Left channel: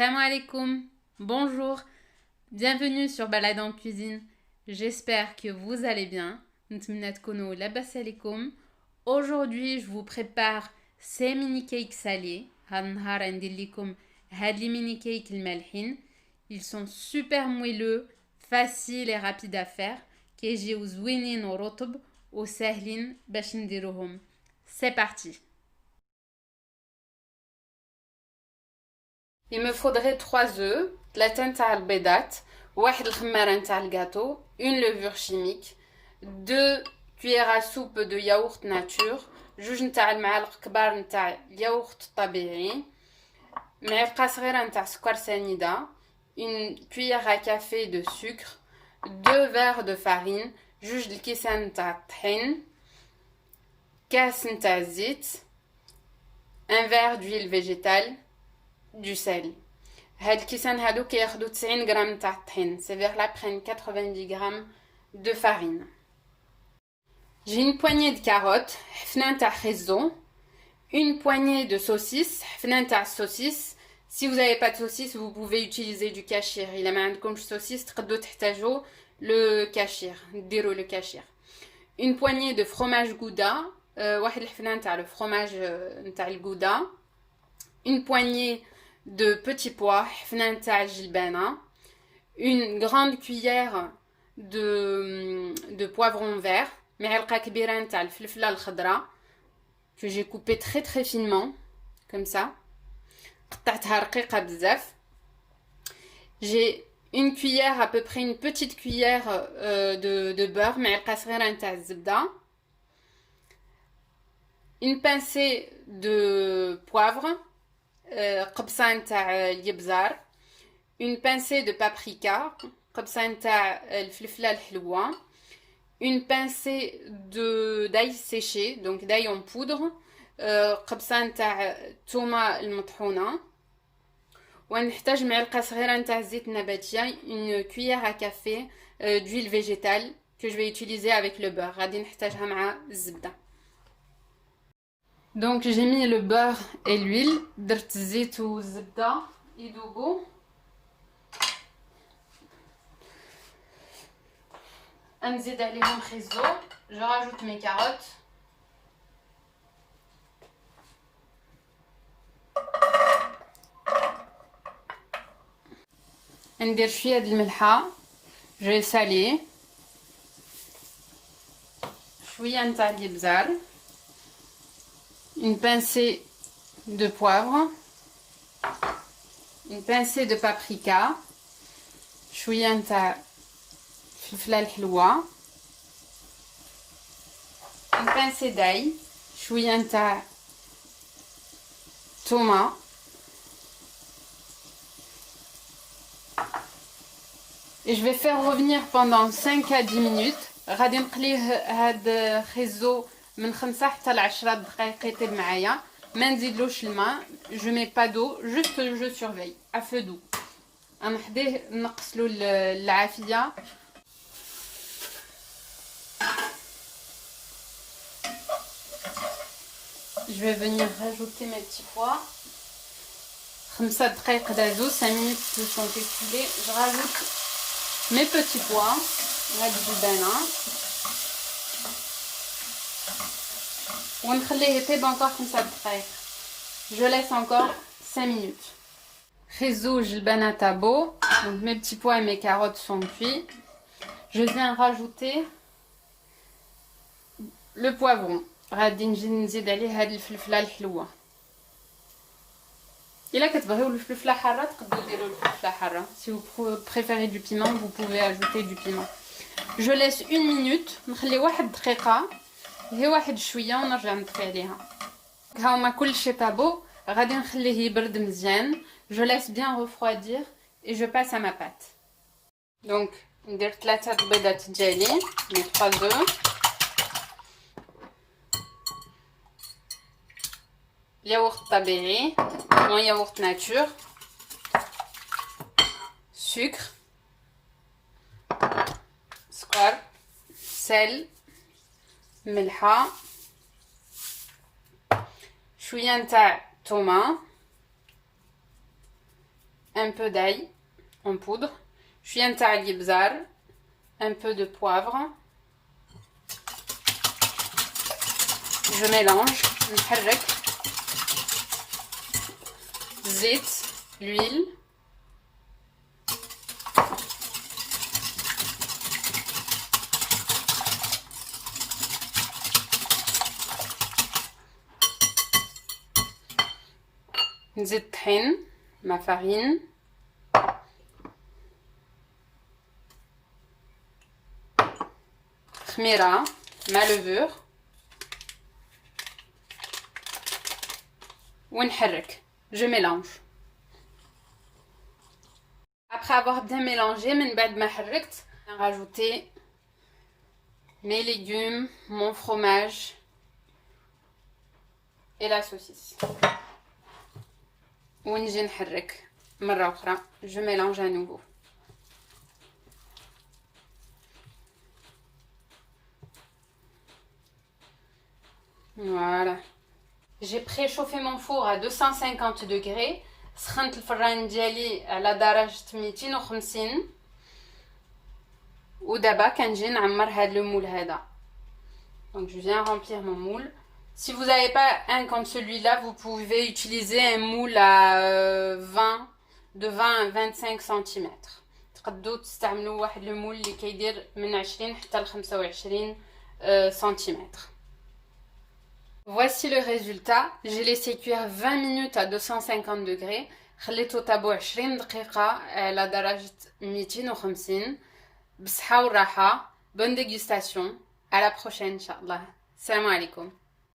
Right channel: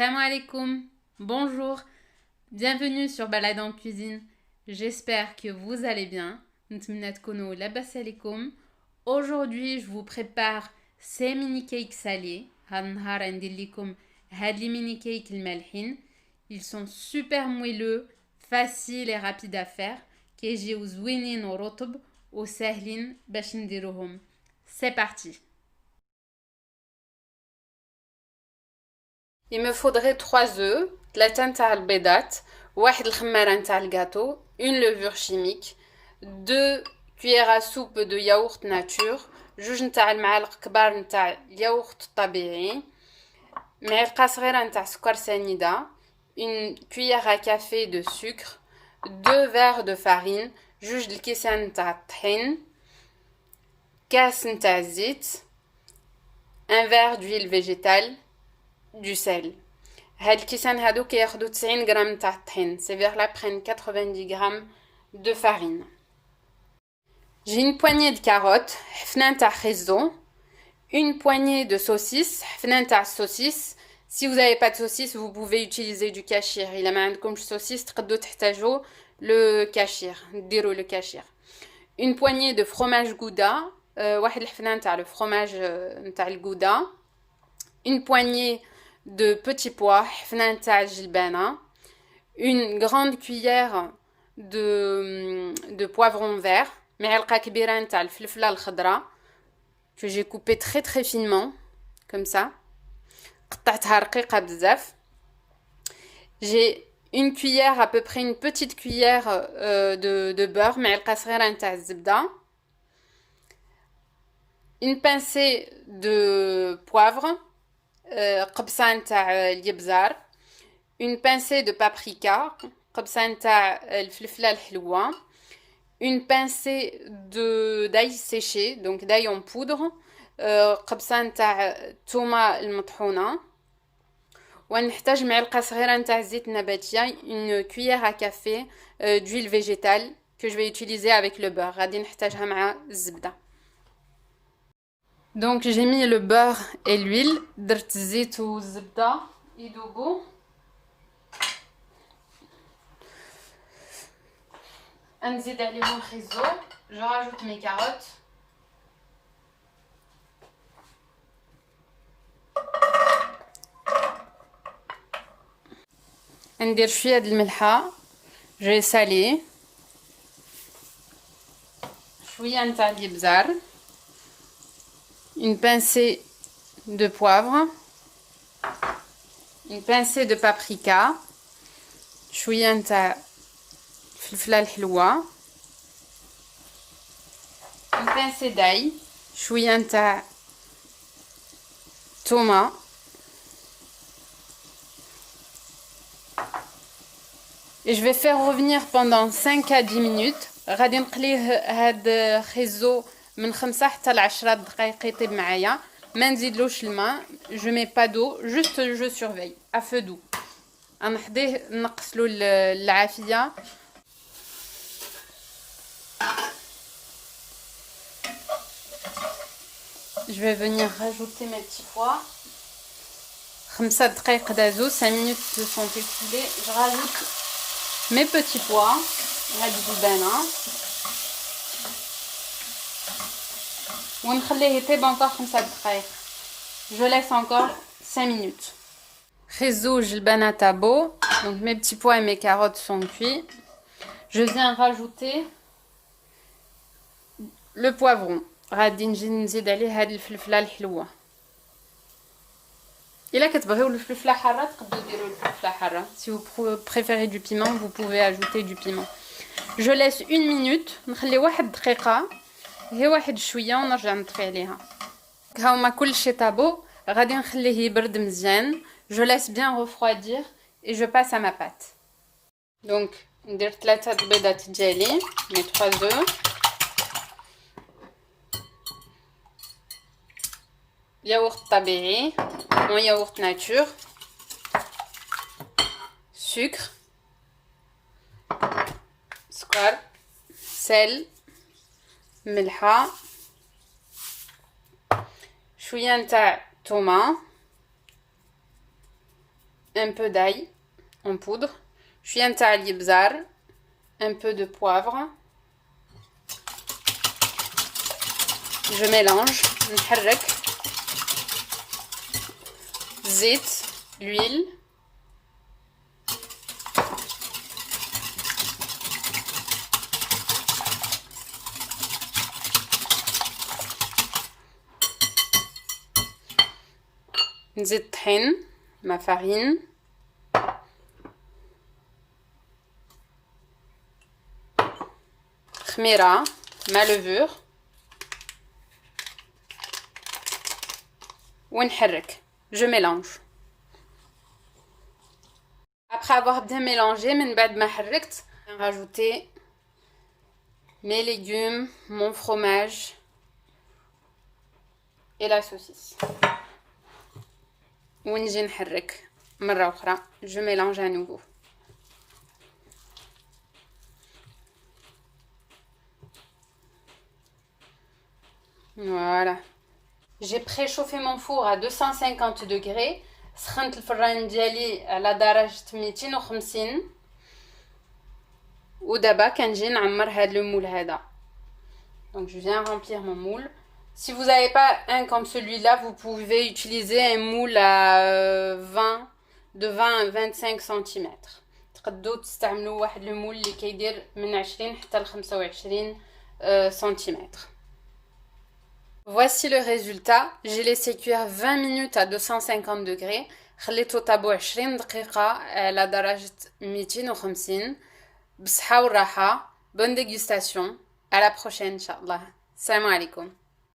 Salam alaikum, bonjour, bienvenue sur Balade en cuisine. J'espère que vous allez bien. نتمنى تكونوا لاباس عليكم. Aujourd'hui, je vous prépare ces mini cakes salés. هاد النهار ندير لكم هاد لي mini cakes المالحين. Ils sont super moelleux, faciles et rapides à faire. كيجيو زوينين ورطب وسهلين باش نديروهم. C'est parti. Il me faudrait 3 œufs, 3 تاع البيضات, واحد الخمارة نتاع الجاتو, une levure chimique, 2 cuillères à soupe de yaourt nature, جوج نتاع المعالق كبار نتاع الياغورت الطبيعي, معلقة صغيرة نتاع سكر سنيدة, une cuillère à café de sucre, 2 verres de farine, جوج الكيسان نتاع الطحين, كاس نتاع الزيت, un verre d'huile végétale, du sel. هاد الكيسان هادو كياخدو 90 غرام نتاع الطحين. Ces verres-là prennent 90 grammes de farine. J'ai une poignée de carottes, حفنة نتاع خيزو, une poignée de saucisses, حفنة نتاع saucisses. Si vous n'avez pas de saucisses, vous pouvez utiliser du kashir. إلا ما عندكمش saucisses تقدروا تحتاجوا le kashir, ديروا le kashir. Une poignée de fromage gouda, واحد الحفنة نتاع le fromage نتاع الجودا. Une poignée de petits pois, حفنة نتاع الجلبانة, une grande cuillère de poivron vert, معلقة كبيرة نتاع الفلفلة الخضراء que j'ai coupé très très finement comme ça, قطعتها رقيقة بزاف. J'ai une cuillère, à peu près une petite cuillère de beurre, معلقة صغيرة نتاع الزبدة, une pincée de poivre, قبصة نتاع اليبزار, une pincée de paprika, قبصة نتاع الفلفلة الحلوة, une pincée d'ail séché, donc d'ail en poudre, قبصة نتاع الثومة المطحونة, ونحتاج معلقة صغيرة نتاع الزيت النباتية, une cuillère à café d'huile végétale que je vais utiliser avec le beurre. غادي نحتاجها مع الزبدة. Donc j'ai mis le beurre et l'huile, درت الزيت والزبدة يذوبوا. نزيد عليهم خيزو, je rajoute mes carottes. ندير شوية د الملحة, je vais saler. شوية نتاع اليبزار, une pincée de poivre, une pincée de paprika, شوية نتاع الفلفلة الحلوة, une pincée d'ail, شوية نتاع تومة, et je vais faire revenir pendant 5 à 10 minutes. غادي نقليه هاد خيزو من 5 حتى ل 10 دقائق يطيب معايا. ما نزيدلوش الماء, je mets pas d'eau, juste je surveille à feu doux. غنحضيه نقصلو العافية. Je vais venir rajouter mes petits pois. 5 دقائق دازو, 5 minutes se sont écoulées. Je rajoute mes petits pois, la الجبانة, ونخليه يطيب encore 5 دقائق. Je laisse encore 5 minutes. خيزو جلبانة تابو, donc mes petits pois et mes carottes sont cuits. Je viens rajouter le poivron. غادي نزيد عليه هاد الفلفلة الحلوة. إلا كتبغيو الفلفلة حارة تقدروا ديروا الفلفلة حارة. Si vous préférez du piment, vous pouvez ajouter du piment. Je laisse 1 minute, نخلي واحد دقيقة, هي واحد شوية ونرجع نطفي عليها. ها هما كلشي طابو, غادي نخليه يبرد مزيان. Je laisse bien refroidir et je passe à ma pâte. Donc ندير 3 البيضات ديالي, mes 3 œufs. Yaourt طبيعي, mon yaourt nature, sucre, سكر, sel, ملحة, شوية نتاع تومة, un peu d'ail en poudre, شوية نتاع الابزار, un peu de poivre. Je mélange, نحرك. زيت, l'huile. نزيد الطحين, ma farine. خميرة, ma levure. ونحرك. Je mélange. Après avoir bien mélangé, من بعد ما حركت, je vais rajouter mes légumes, mon fromage et la saucisse. ونجي نحرك مرة أخرى. Je mélange à nouveau. Voilà. J'ai préchauffé mon four à 250 degrés. سخنت الفران ديالي على درجة 250. ودابا كنجي نعمر هاد le moule هذا. Donc je viens remplir mon moule. Si vous n'avez pas un comme celui-là, vous pouvez utiliser un moule à 20 à 25 cm. تقدروا تستعملوا واحد le moule اللي كيدير من 20 حتى ل 25 cm. Voici le résultat. J'ai laissé cuire 20 minutes à 250 degrés. خليته طابو 20 دقيقة على درجة 250. بصحة والراحة. Bonne dégustation. À la prochaine, Inch'Allah. Salam alaikum.